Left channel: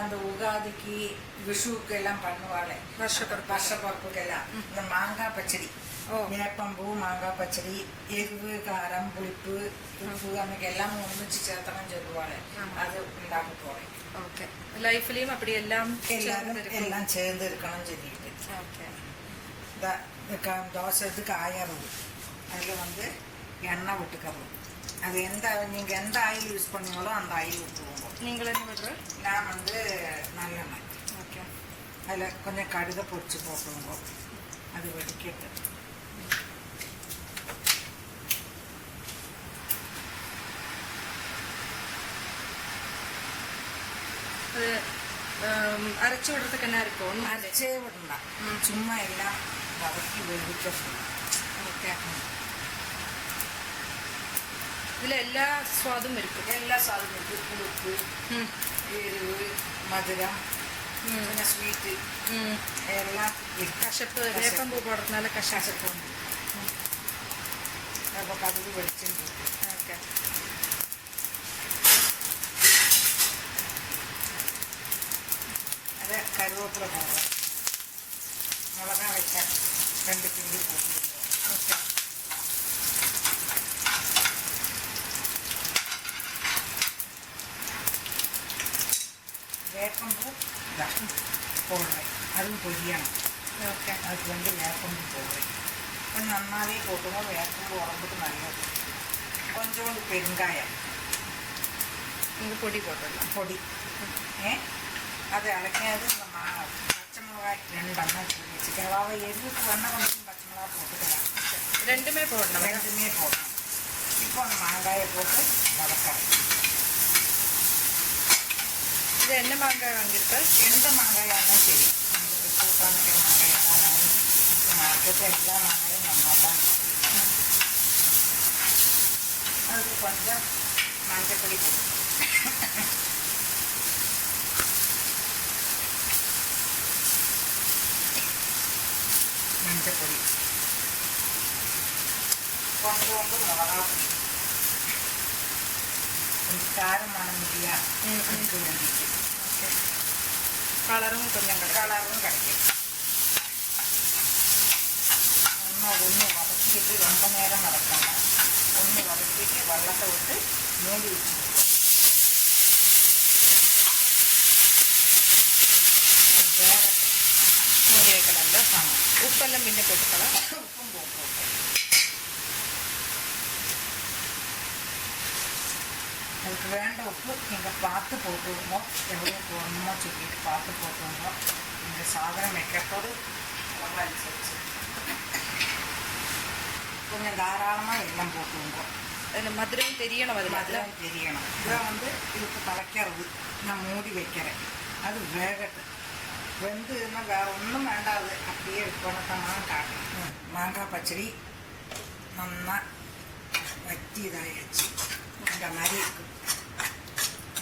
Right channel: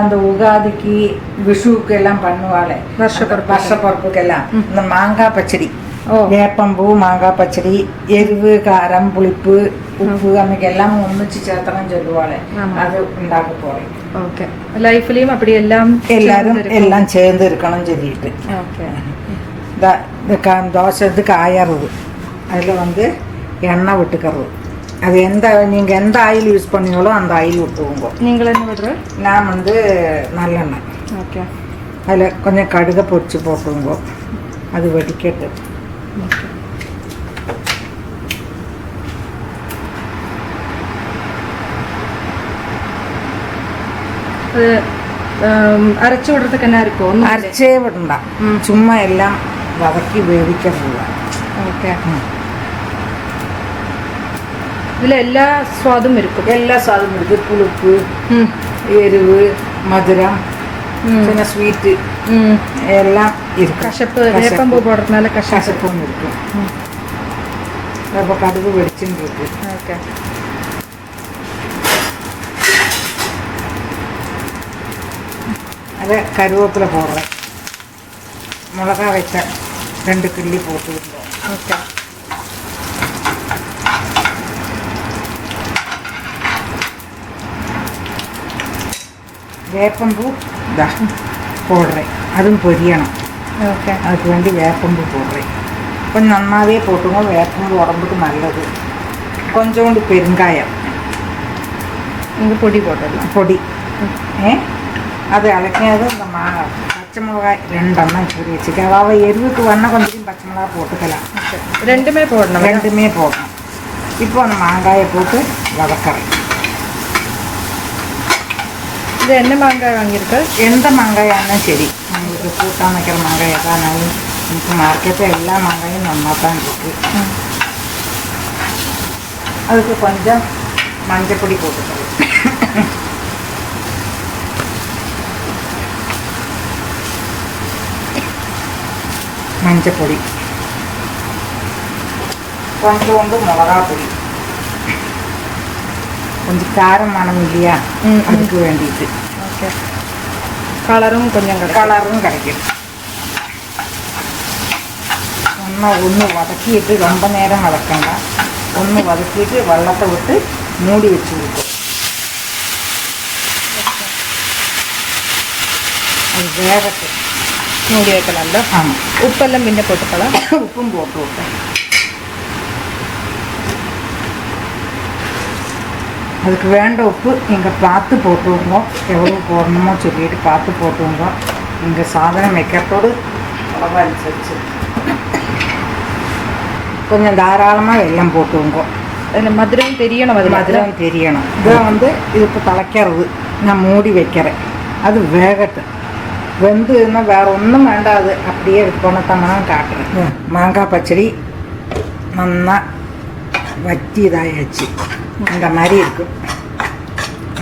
அந்த உகாதிக்கு விஷுவுக்கு எல்லாம் பண்ணுவாளே வருஷப்பருப்புக்கெல்லாம் இந்த மாங்காய் பச்சடி, வேப்பம்பூ மாங்காய் பச்சடி, எരിവ് காரம் புளிப்பு ഉപ്പ് അമ്മയ്ക്കെല്ലാം ഒന്നിച്ച് ചേർത്തണം ചൊല്ലുവാളെ, അത് ഉണ്ടാക്കി പോയി. ഓക്കെ ലൈഫിലെയും അപ്പടി എല്ലാരും എല്ലാം ചേർന്ന് ഇരിക്കണം ചൊല്ലിയിട്ട്. ദോശ ഇത് കായറുത്, அதில் வந்து எண்ணெய் விட்டுக்கிறது. அது நீங்கள் எந்த ஆயில் யூஸ் பண்ணீங்களோ அந்த ஆயில் விட்டுவோங்க. நீங்கள் என்ன விடுற? நான் வந்து நல்லெண்ணெய். ஓகே. அதில் கொஞ்சம் கடுகை பொரிச்சு போட்டுவோங்க, அது வெடிக்கட்டு. அது அரைச்சி விடுறதுக்கு என்ன இருக்கும்? அரைச்சே விடണ്ട, சும்மா எல்லாம் வதக்கி வேவிக்கிறது. ஓகே. ഇതിൽ എല്ലാ സ്വാദും ഇരിക്കും. എല്ലാ സ്വാദും ഇരിക്കും. പുളിപ്പ്, എരിവ്, മധുരം, പിന്നെ സ്വീറ്റ് എല്ലാം ഇരിക്കും. കശപ്പ് വേപ്പമ്പൂ പോടുന്നാല് കശപ്പും ഇരിക്കും. അപ്പോൾ കടുക് വെളിച്ചും കിട്ടും. ഓക്കെ. അത് കരുവേപ്പില പോടുക, മുളക വെച്ച 2 കിള്ളി പോട്ട്. ഓക്കെ. വേപ്പമ്പൂ ഇതാ പോടുറേ, അതും പൊരിയണം. ഓക്കെ. அதுக்கு வேண்டி வேப்பம்பூ போடுறேன். கொஞ்சம் நன்னாவே போட்டுங்க, வேப்பம்பூ உடம்புக்கு நல்லது. கொஞ்சோண்டு பெருங்காயம், இங்கே பொடி போட்டுடலாம். பொடி அது அழைக்காது. இந்த பச்சை மிளகாய் 2 எண்ணம் பொடி வச்சுக்க. அதாவது எருவுக்கு வேணால் கொஞ்சம் பச்சை மிளகாய் போட்டுக்கலாம். ரெண்டுமே போடணும். ரெண்டுமே போடணும். இப்போ அந்த மாங்காயை போட்டு வதக்கிறேன். இது என்ன மாங்காய் வாங்கியிருக்கு? எந்த மாங்காயானாலும் சரி, உங்களுக்கு கூட்டான் வைக்கிற மாங்காய் எதானாலும். இப்போ மார்க்கெட்டில் எல்லா மாங்காயும் நல்லா தான் இருக்குது. அதுக்கு கொஞ்சம் மஞ்சப்பொடி போட்டுக்கலாம். மஞ்சப்பொடி, கொஞ்சோண்டு மிளகா பொடி, கொஞ்சம் காரம் மனம் இல்லையா, அதுக்கு வேண்டிட்டு. ஓகே. கலரும் கொஞ்சம் கிடைக்கும். ஒன்று வதக்கிட்டு ரொம்ப நேரம் வதக்கണ്ട, ஒன்று வதக்கிட்டு வெள்ளத்தை விட்டு மூடி வச்சு விட்டு அது வேகத்து மூடி வைக்கலாம்ல. ஆமாம். உப்பெல்லாம் முன்ன போட்டுக்கலாம். உப்பும் போட்டு விட்டேன். அதுக்கு வேண்ட உப்பு நீங்கள் பார்த்து போட்டுவோங்க, எவ்வளோ போடணுமோ சொல்லிட்டு பார்த்து போட்டுவோங்க. நீங்கள் சாதனம் வைக்கிறதோடு அளவு அனுசரிச்சு கொஞ்சம் தாராளமாக வெல்லம் போட்டுவோங்க. அதில் மதுரம் தெரியணும். அது மதுரம் தெரியணும். இதை வந்து இதுக்கு தலைக்கிறது நான் மூடி வைக்கிறேன். அது வேகட்டு. வெந்துன்னா வேறு ஒன்றும் வேண்டாது, அப்படியே எடுத்துக்கொண்டத்தம்னா காட்டுறேன். மாங்காய் பச்சடி நல்லா வற்றி இதாகிடுச்சு, இந்த மாதிரி இருக்கும்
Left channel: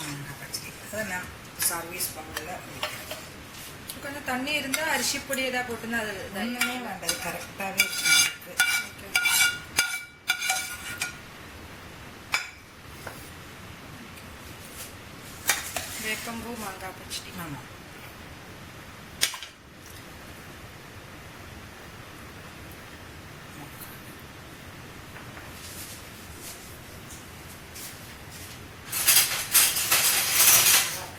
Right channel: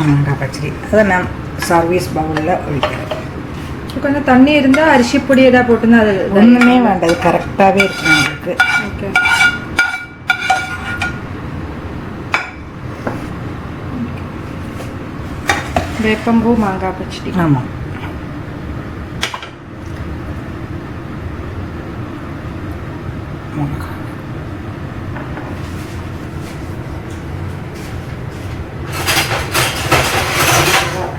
மாங்காய் பச்சடி. அதை நான் சர்வீஸ் பவுலில் ஒழிக்கிறேன். கொஞ்சம் தண்ணி இருந்தால் அரிசி பொடி எதாவது போட்டுன்னா அது ஒன்றுமே வேண்டாது, கரெக்டாகவே இருக்கும் உங்களுக்கு. ஓகே. வேப்பம்பூ மாங்காய் பச்சடி. ஆமாம்.